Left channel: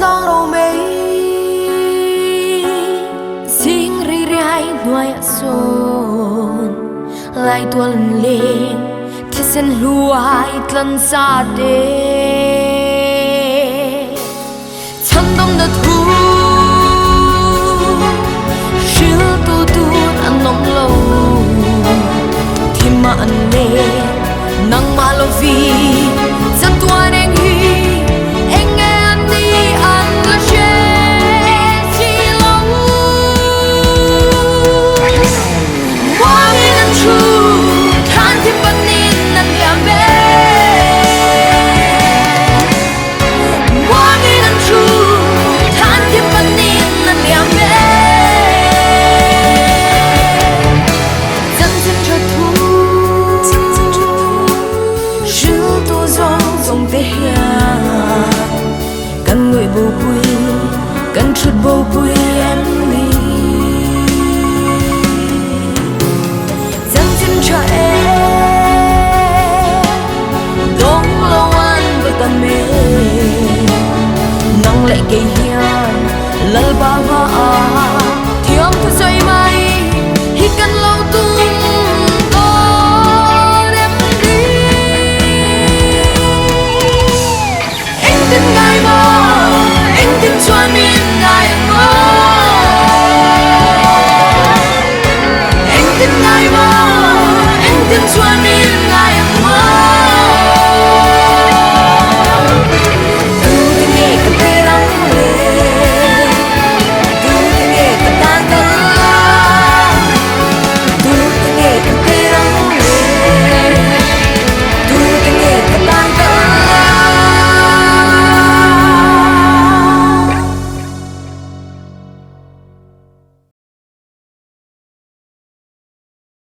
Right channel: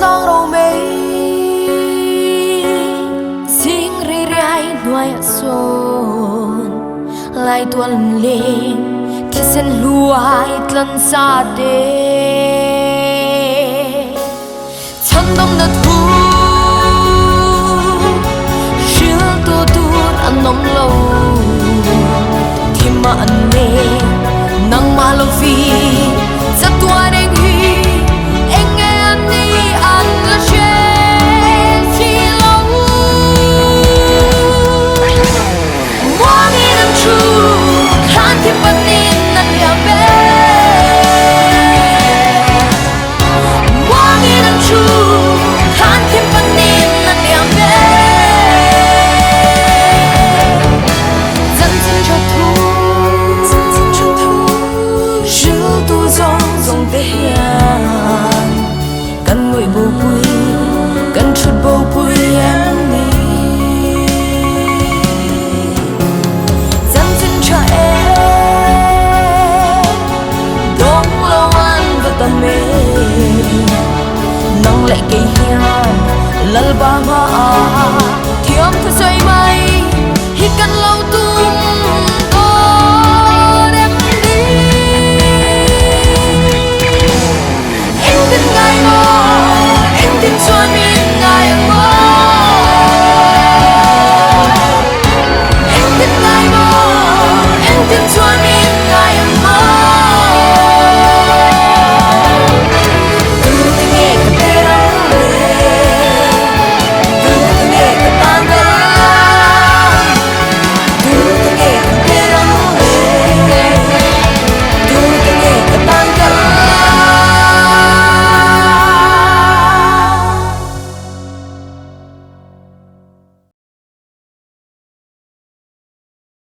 long râu mây riêng ri rai nuôi son lại tuần lên thế sen luai tlan sa tê chân đông đất thu shil tu tu an nom lâu thì mà anh lên nang malovi za tua neng hi anh nghe anh đi ăn là che chi lâu mua đi năn chu than thêm bận nín năn liam bé mua đi năn chu than thêm bận nín năn liam bé dẫn xin cho thu dòng tê hiền cần người bầu bùi cần chút bầu bùi em đi dẫn xin cho em đông lâu ăn và tâm mê nắng lại cây hiền lal ba hoa